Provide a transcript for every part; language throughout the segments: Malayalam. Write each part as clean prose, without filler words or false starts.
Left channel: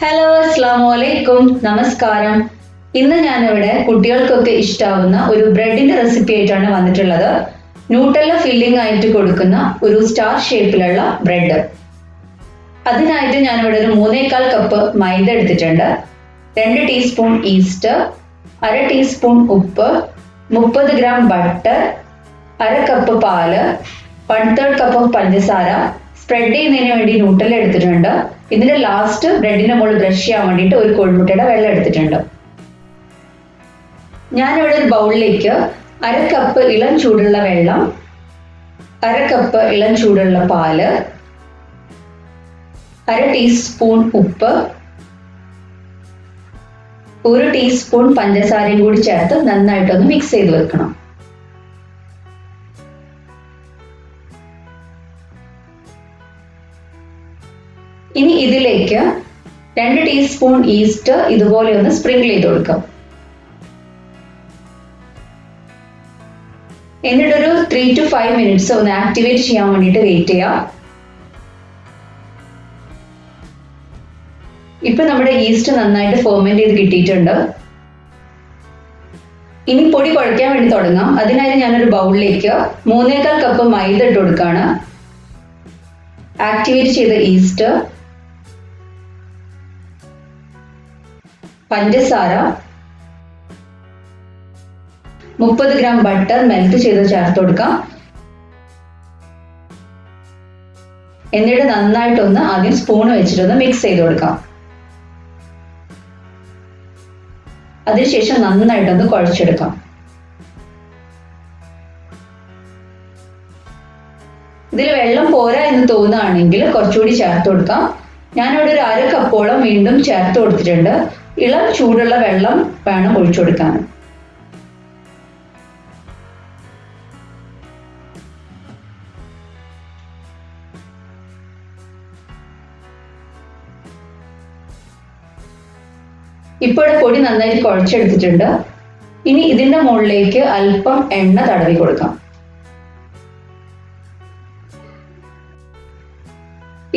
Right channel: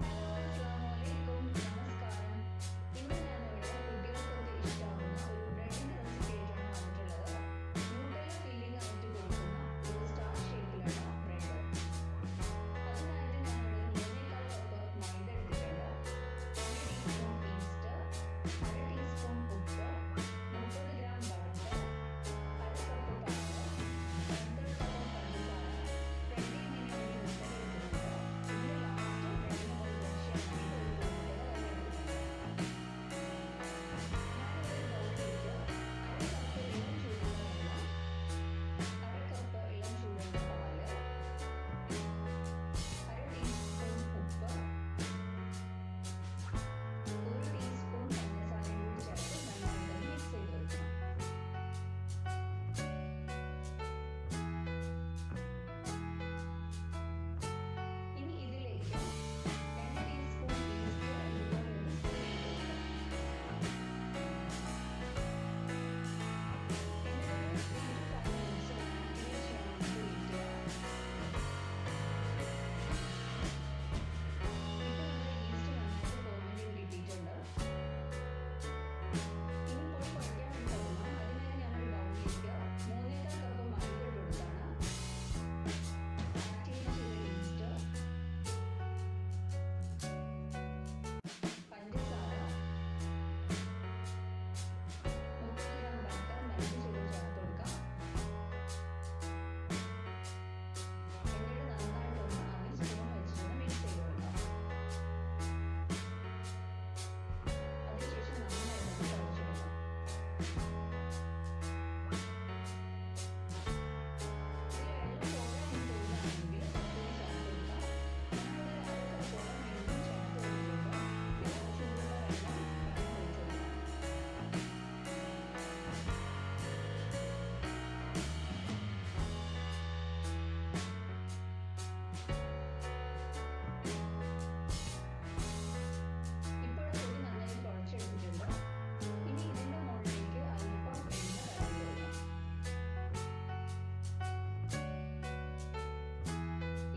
ഹലോ, അസ്സലാമു അലൈക്കും, നമസ്കാരം. ഇന്ന് ഞാനിവിടെ കുട്ടികൾക്കൊക്കെ ഇഷ്ടാവുന്ന ഒരു ബ്രെഡിന്റെ റെസിപ്പി ആയിട്ടാണ് വന്നിട്ടുള്ളത്. ന്യൂട്ടല്ല ഫില്ലിംഗ് ആയിട്ട് കൊടുക്കുന്ന ഒരു സ്റ്റാർ ഷേപ്പിലുള്ള ബ്രെഡ്. അതിനായിട്ട് ഞാനിവിടെ ഒരു 3/4 കപ്പ് മൈദ എടുത്തിട്ടുണ്ട്, 2 ടീസ്പൂൺ ഈസ്റ്റ്, 1/2 ടീസ്പൂൺ ഉപ്പ്, 30 ഗ്രാം ബട്ടർ, 1/2 കപ്പ് പാല്, 1/3 കപ്പ് പഞ്ചസാര, സ്പ്രെഡ് ചെയ്യുന്നതിന് വേണ്ടി ന്യൂട്ടല്ല എടുത്തിട്ടുണ്ട്. ഇതിന്റെ ലാസ്റ്റ് ബ്രെഡിന്റെ മുകളിൽ ബ്രഷ് ചെയ്യാൻ വേണ്ടിയിട്ട് ഒരു കോഴിമുട്ടയുടെ വെള്ളം എടുത്തിട്ടുണ്ട്. ഞാനിവിടെ ഒരു ബൗളിലേക്ക് 1/2 കപ്പ് ഇളം ചൂടുള്ള വെള്ളം, 1/2 കപ്പ് ഇളം ചൂടുള്ള പാല്, 1/2 ടീസ്പൂൺ ഉപ്പ്, 1 ടീസ്പൂൺ പഞ്ചസാരയും കൂടി ചേർത്ത് നന്നായിട്ടൊന്ന് മിക്സ് ചെയ്ത് വെക്കണം. ഇനി ഇതിലേക്ക് 2 ടീസ്പൂൺ ഈസ്റ്റ് ഇതുപോലെ ഒന്ന് സ്പ്രിങ്കിൾ ചെയ്ത് കൊടുക്കാം. എന്നിട്ടൊരു 3 to 5 മിനിറ്റ്സ് ഒന്ന് ആക്ടിവേറ്റ് ചെയ്യാൻ വേണ്ടിയിട്ട് വെയിറ്റ് ചെയ്യാം. ഇപ്പൊ നമ്മുടെ ഈസ്റ്റ് നന്നായിട്ട് ഫെർമെന്റ് ചെയ്ത് കിട്ടിയിട്ടുണ്ട്. ഇനി പൊടി കുഴയ്ക്കാൻ വേണ്ടി തുടങ്ങാം. അതിനായി ഞാനൊരു ബൗളിലേക്ക് 3/4 കപ്പ് മൈദ ഇട്ട് കൊടുക്കുകയാണ്. ആക്ടിവേറ്റ് ചെയ്ത ഈസ്റ്റ്, പഞ്ചസാര, 30 ഗ്രാം ബട്ടർ മെൽറ്റ് ചെയ്ത് ചേർത്ത് കൊടുക്കാം. എന്നിട്ട് നന്നായിട്ടൊന്ന് ആദ്യം സ്പൂൺ വെച്ചിട്ടൊന്ന് മിക്സ് ചെയ്ത് കൊടുക്കാം. അതിനുശേഷം നന്നായിട്ടൊന്ന് കുഴച്ചെടുക്കാം. ഇതിൽ വെള്ളം പോരാ എന്ന് തോന്നുകയാണെങ്കിൽ കുറച്ചുകൂടി ചേർത്ത് കൊടുക്കാം. ഞാനിവിടെ ഒരു 1/2 കപ്പോളം വീണ്ടും ചേർത്ത് കൊടുത്തിട്ടുണ്ട്. ഇളം ചൂടുള്ള വെള്ളം വേണം ഒഴിച്ചു കൊടുക്കാൻ. ഇപ്പോൾ പൊടി നന്നായിട്ട് കുഴച്ചെടുത്തിട്ടുണ്ട്. ഇനി ഇതിന്റെ മുകളിലേക്ക് അല്പം എണ്ണ തടവി കൊടുക്കാം.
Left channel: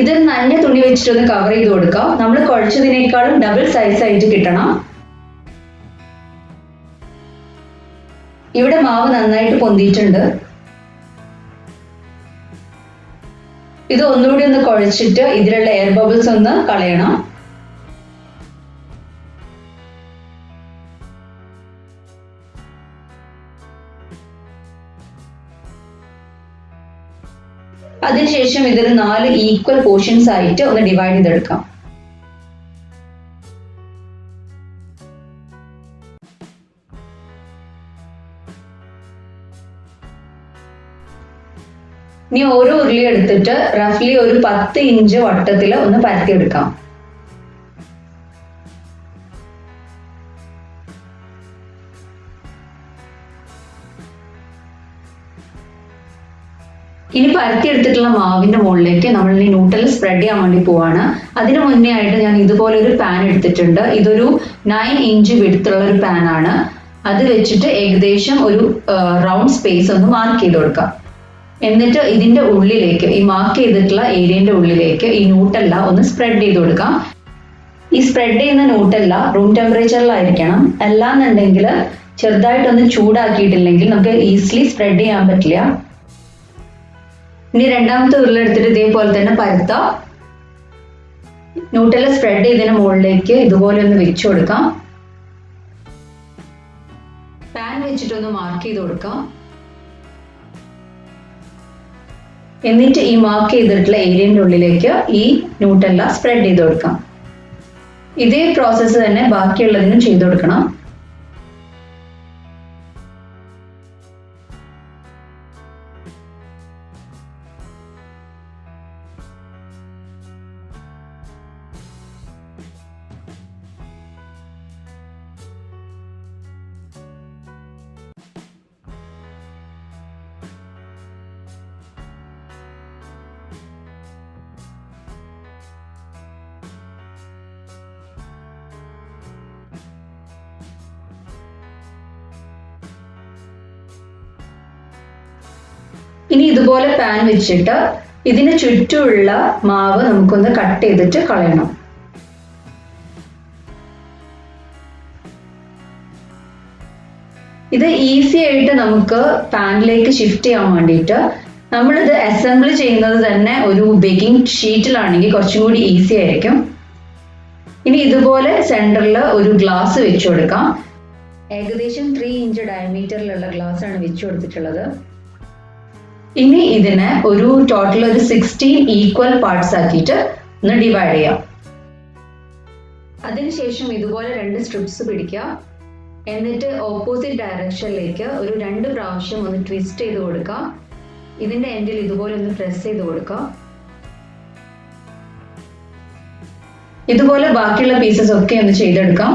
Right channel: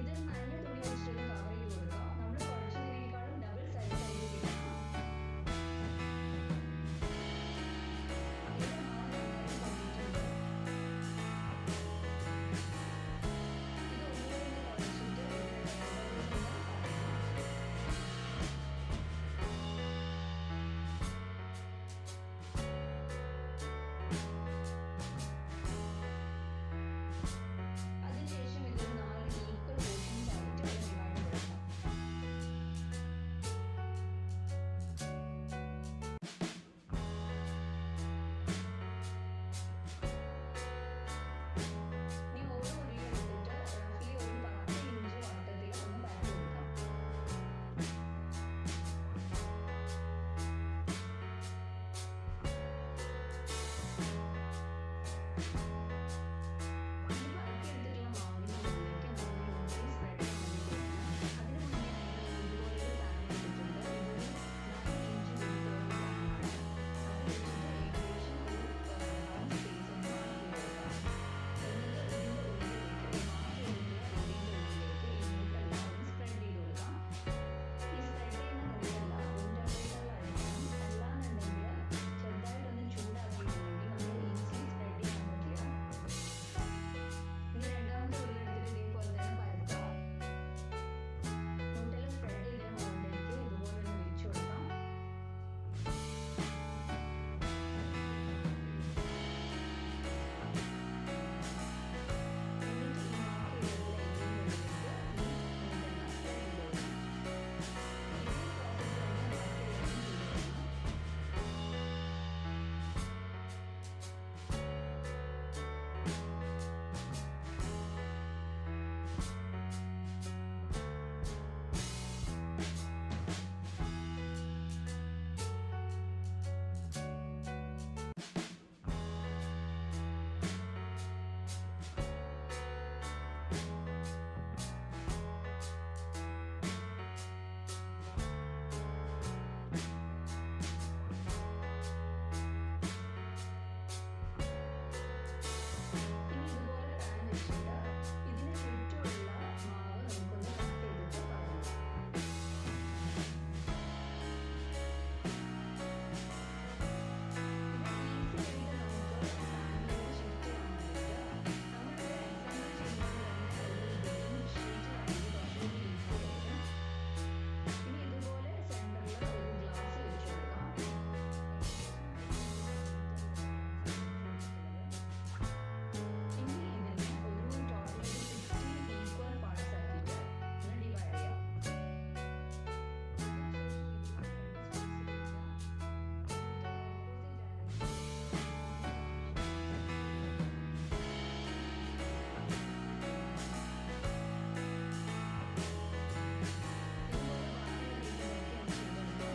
ഇത് നനഞ്ഞ തുണി വെച്ചിട്ടൊന്ന് കവർ ചെയ്ത് കൊടുക്കാം. നമ്മൾ കുഴച്ചതിനേക്കാളും ഡബിൾ സൈസ് ആയിട്ട് കിട്ടണം. ഇവിടെ മാവ് നന്നായിട്ട് പൊന്തിയിട്ടുണ്ട്. ഇത് ഒന്നുകൂടി ഒന്ന് കുഴച്ചിട്ട് ഇതിലുള്ള എയർ ബബിൾസ് ഒന്ന് കളയണം. അതിനുശേഷം ഇതൊരു 4 ഈക്വൽ പോർഷൻസ് ആയിട്ട് ഒന്ന് ഡിവൈഡ് ചെയ്തെടുക്കാം. ഇനി ഓരോ ഉരുളി എടുത്തിട്ട് റഫ്ലി ഒരു 10 ഇഞ്ച് വട്ടത്തിൽ ഒന്ന് പരത്തിയെടുക്കാം. ഇനി പരത്തിയെടുത്തിട്ടുള്ള മാവിന്റെ മുകളിലേക്ക് നമ്മൾ ഈ ന്യൂട്ടല്ല സ്പ്രെഡ് ചെയ്യാൻ വേണ്ടി പോവാണ്. അതിനു മുന്നേ ആയിട്ട് ഞാൻ ഇതുപോലെ ഒരു പാൻ എടുത്തിട്ടുണ്ട്. ഇതൊരു 9 ഇഞ്ച് വിഡ്ത്തുള്ള ഒരു പാൻ ആണ്. അത് വെച്ചിട്ട് ഏകദേശം ഒരു റൗണ്ട് സ്പേസ് ഒന്ന് മാർക്ക് ചെയ്ത് കൊടുക്കാം. എന്നിട്ട് ഇതിന്റെ ഉള്ളിലേക്ക്, ഈ മാർക്ക് ചെയ്തിട്ടുള്ള ഏരിയന്റെ ഉള്ളിലേക്ക് ഈ ന്യൂട്ടല്ല ഒന്ന് സ്പ്രെഡ് ചെയ്ത് കൊടുക്കാം. ഈ സ്പ്രെഡ് ചെയ്യുന്ന ന്യൂട്ടല്ല റൂം ടെമ്പറേച്ചറിലായിരിക്കണം. അല്ലാന്നുണ്ടെങ്കിൽ ചെറുതായിട്ടൊന്ന് ചൂടാക്കിയിട്ടില്ലെങ്കിൽ നമുക്ക് ഈസിലി സ്പ്രെഡ് ചെയ്യാൻ പറ്റില്ല. ഇനി രണ്ടാമത്തെ ഉരുളെടുത്തിട്ട് ഇതേപോലെ തന്നെ പരത്താം. ന്യൂട്ടല്ല സ്പ്രെഡ് ചെയ്തതിന് മുകളിലേക്ക് ഇതുപോലെ ഒന്ന് വെച്ചു കൊടുക്കാം. പാൻ വെച്ചിട്ടൊന്ന് മാർക്ക് ചെയ്ത് കൊടുക്കാം. എന്നിട്ട് ഈ മാർക്ക് ചെയ്തിട്ടുള്ള ഏരിയന്റെ ഉള്ളിലേക്ക് ഈ ന്യൂട്ടല്ല സ്പ്രെഡ് ചെയ്ത് കൊടുക്കാം. ഇതേ പ്രോസസ്സ് തന്നെ ബാക്കിയുള്ളതിനും ചെയ്തു കൊടുക്കണം. ഇനി ഇതുപോലെ പാൻ വെച്ചിട്ട് ഇതിന് ചുറ്റുമുള്ള മാവ് നമുക്കൊന്ന് കട്ട് ചെയ്തിട്ട് കളയണം. ഇത് ഈസി ആയിട്ട് നമുക്ക് പാനിലേക്ക് ഷിഫ്റ്റ് ചെയ്യാൻ വേണ്ടിയിട്ട് നമ്മളിത് അസംബിൾ ചെയ്യുന്നത് തന്നെ ഒരു ബേക്കിംഗ് ഷീറ്റിലാണെങ്കിൽ കുറച്ചും കൂടി ഈസി ആയിരിക്കും. ഇനി ഇതുപോലെ സെന്ററിൽ ഒരു ഗ്ലാസ് വെച്ചു കൊടുക്കാം. ഏകദേശം 3 ഇഞ്ച് ഡയമീറ്ററിലുള്ള ഗ്ലാസ് ആണ് വെച്ചു കൊടുത്തിട്ടുള്ളത്. ഇനി ഇതിനെ ഒരു ടോട്ടൽ ഒരു 16 ഈക്വൽ പാർട്സ് ആക്കിയിട്ട് ഒന്ന് ഡിവൈഡ് ചെയ്യാം. അതിനുശേഷം ഇതുപോലെ 2 സ്ട്രിപ്സ് പിടിക്കുക. എന്നിട്ട് ഓപ്പോസിറ്റ് ഡയറക്ഷനിലേക്ക് ഒരു 2 പ്രാവശ്യം ഒന്ന് ട്വിസ്റ്റ് ചെയ്ത് കൊടുക്കുക. ഇതിന്റെ എൻഡിൽ ഇതുപോലെ ഒന്ന് പ്രസ് ചെയ്ത് കൊടുക്കുക. ഇതുപോലെ ബാക്കിയുള്ള പീസസ് ഒക്കെ ഒന്ന് ചെയ്തെടുക്കാം.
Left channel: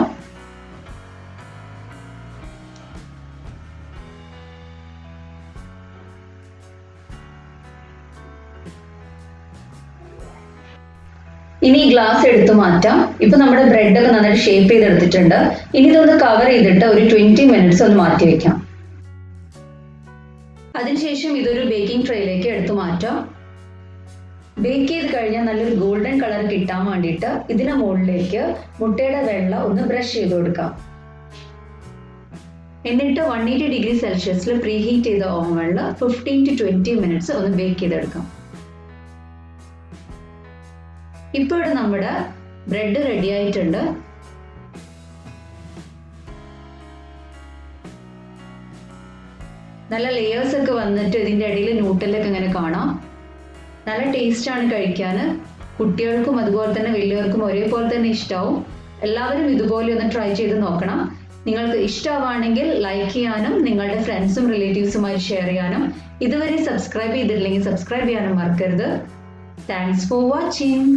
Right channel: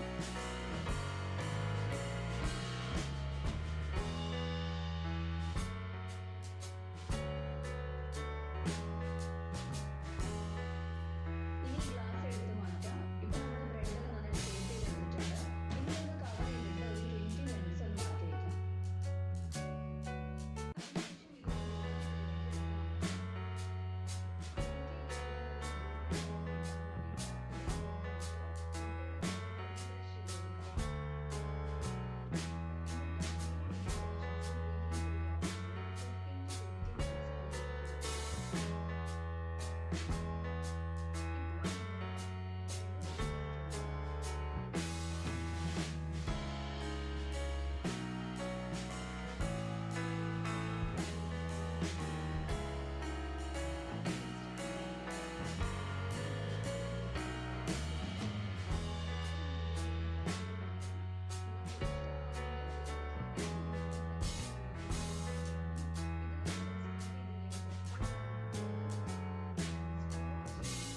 ഇനി ഈ ഗ്ലാസ് എടുത്ത് മാറ്റാം. ഇപ്പൊ നമ്മുടെ ബ്രെഡ് ഒക്കെ നന്നായിട്ട് ഷേപ്പ് ചെയ്തെടുത്തിട്ടുണ്ട്. ഇനി ഇതൊന്ന് കവർ ചെയ്തിട്ട് ഒരു 20 മിനിറ്റ്സ് ഒന്ന് മാറ്റി വെക്കാം. അതിനുശേഷം ഇതൊരു ബേക്കിംഗ് ട്രേയിലേക്ക് എടുത്ത് മാറ്റാം. ബേക്ക് ചെയ്ത് കഴിഞ്ഞാൽ നല്ലൊരു ഗോൾഡൻ കളർ കിട്ടാൻ വേണ്ടിയിട്ട് ഇതിന് മുകളിലേക്ക് മുട്ടയുടെ വെള്ള ഒന്ന് ബ്രഷ് ചെയ്ത് കൊടുക്കാം. എന്നിട്ട് 180 ഡിഗ്രി സെൽഷ്യസിൽ പ്രീ ഹീറ്റ് ചെയ്ത ഓവനിൽ 15 to 20 മിനിറ്റ്സ് ഒന്ന് ബേക്ക് ചെയ്തെടുക്കാം. ഇപ്പോൾ ഇവിടെ നമ്മുടെ ബ്രെഡ് റെഡി ആയിട്ടുണ്ട്. നല്ല ലെയേഴ്സ് ഒക്കെ വന്നിട്ട് ഇതിൻ്റെ ഇടയിൽ ന്യൂട്ടലൊക്കെ ഇങ്ങനെ കാണാം. നല്ല ടേസ്റ്റ് ആണ് കഴിക്കാൻ. കുട്ടികൾക്കും അതുപോലെ തന്നെ വലിയവർക്കും ഒരേപോലെ തന്നെ ഇഷ്ടമാവും. എല്ലാവരും ഇതുപോലെ ഒന്ന് ട്രൈ ചെയ്ത് നോക്കണം. നിങ്ങൾക്ക് ഇഷ്ടമാവുകയാണെങ്കിൽ ലൈക്ക് ചെയ്യാനും നിങ്ങളുടെ ഫ്രണ്ട്സും റിലേറ്റീവ്സുമായി ഷെയർ ചെയ്യാനും ഇതുവരെ സബ്സ്ക്രൈബ് ചെയ്തിട്ടില്ലെങ്കിൽ സബ്സ്ക്രൈബ് ചെയ്യാനും മറക്കരുത്. Thanks for watching.